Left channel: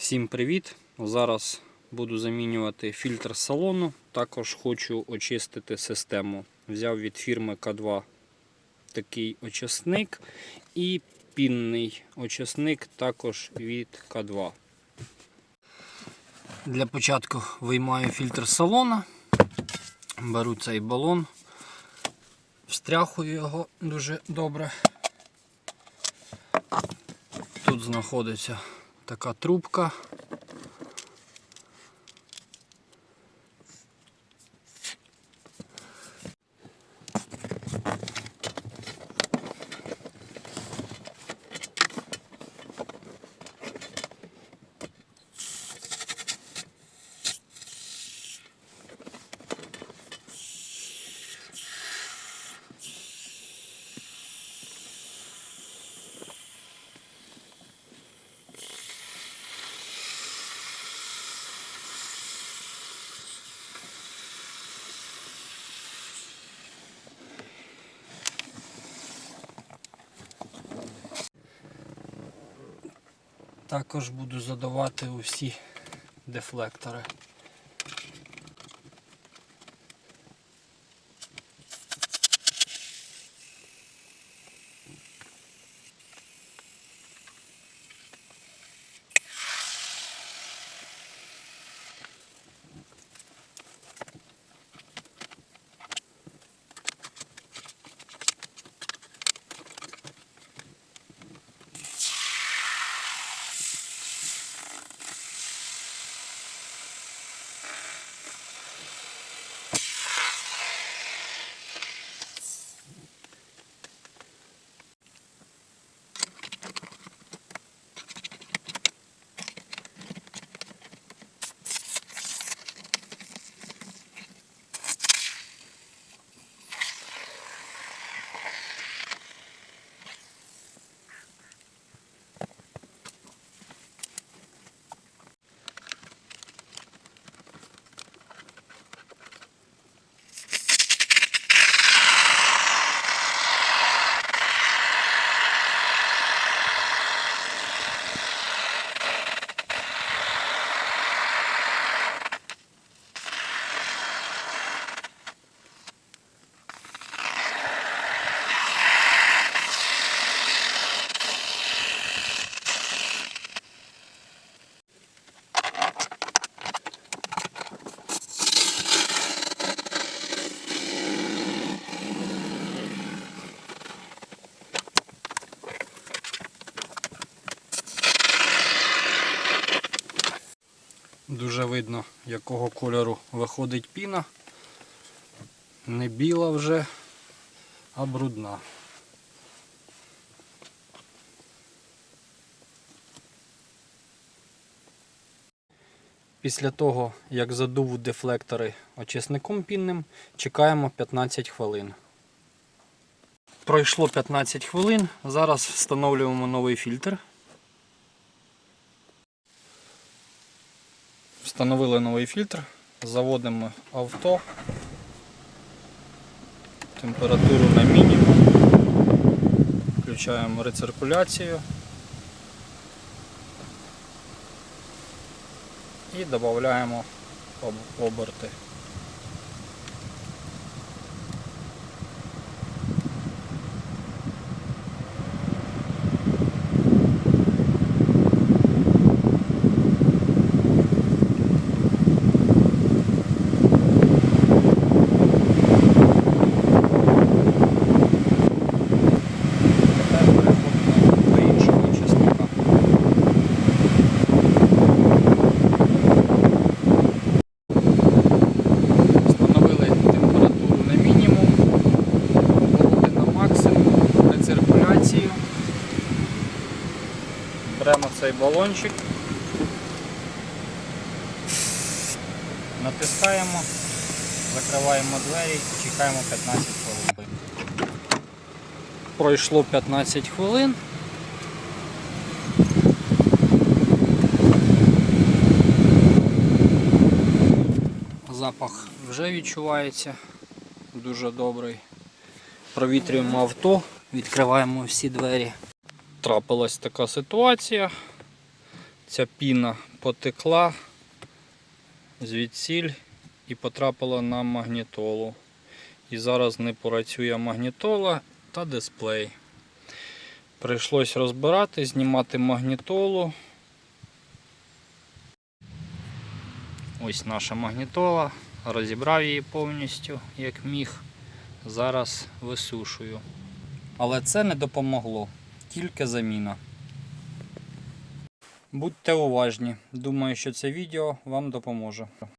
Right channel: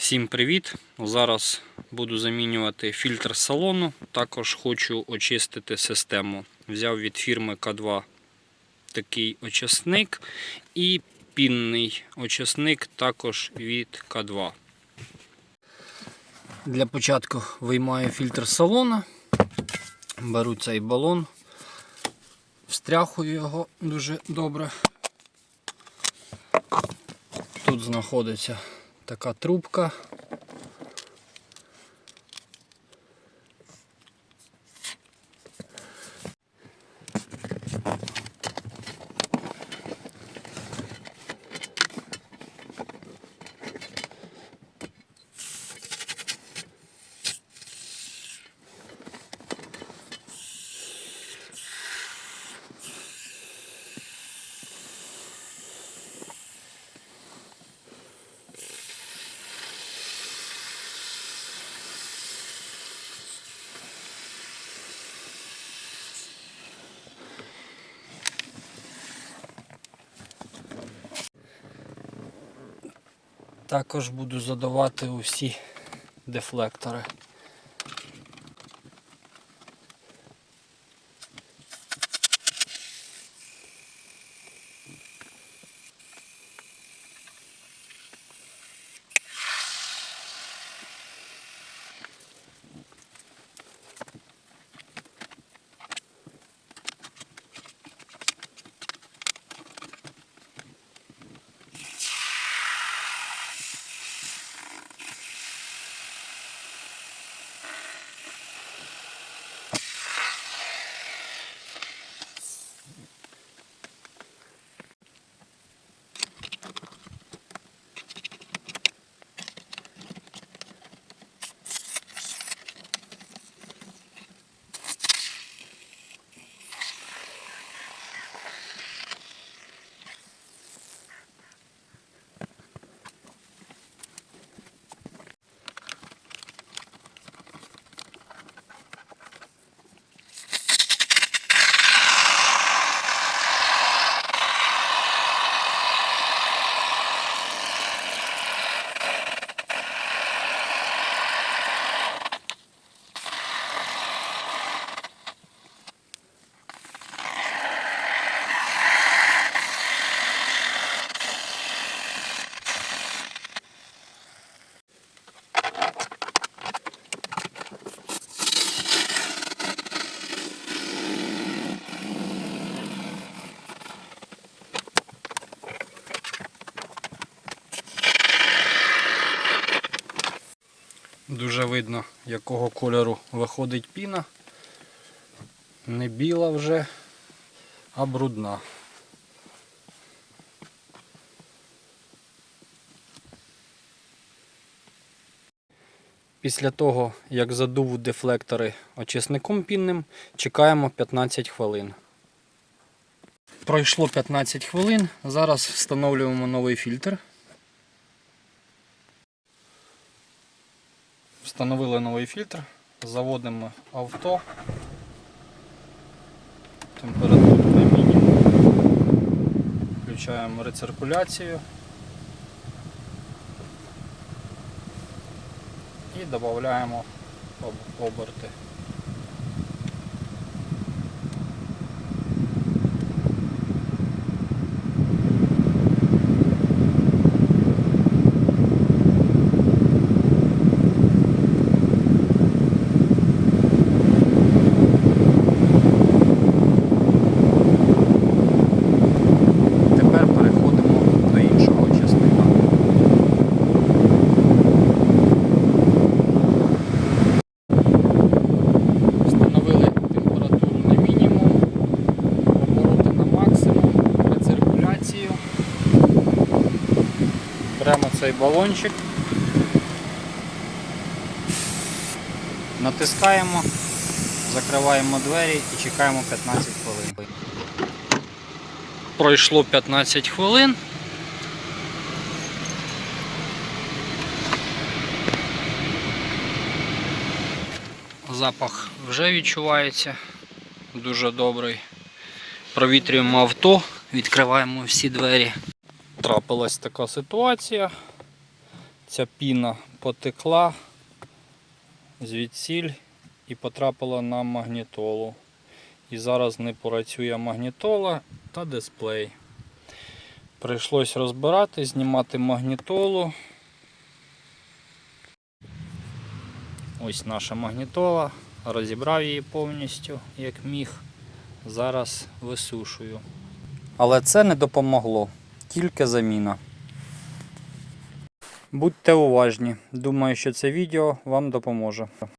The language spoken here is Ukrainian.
Всім привіт! Зараз буду замінювати фільтр салону. Також хочу очистити систему. Взяв від фірми К2 такий очисник і пінний очисник також від К2. Для початку виймаю фільтр салона, беру цей балон, встряхую його дуже добре. Тут знаходиться така трубка. Також буду задавати усі дефлектори. Дуже видно, якого кольору виходить піна. Не біла вже, а брудна. Після того, як задув дефлектори очисником пінним, чекаємо 15 хвилин. Пройшло 15 хвилин. Зараз встановлюємо новий фільтр. Встановили новий фільтр, заводимо авто, температуру на мінімум, включаємо рециркуляцію. І додаємо об- оберти. Тепер переходимо до іншого часника. Встановили температуру на мінімум, обороти на максимум, рециркуляцію. Беремо цей балончик, натискаємо, закриваємо двері і чекаємо 15 хвилин. Пройшло 15 хвилин. Запах вже відчувається дуже добрий. Провітрюємо авто, відкриваємо всі двері. Трапилась така ситуація. Ця піна потекла звідсіль і потрапила на магнітолу. І зараз не працює магнітола та дисплей. Прийшлось розбирати, знімати магнітолу. Ось наша магнітола. Розібрав її повністю, як міг. Зараз висушую. Але це не допомогло, тільки заміна. Будьте уважні. Думаю, що це відео вам допоможе.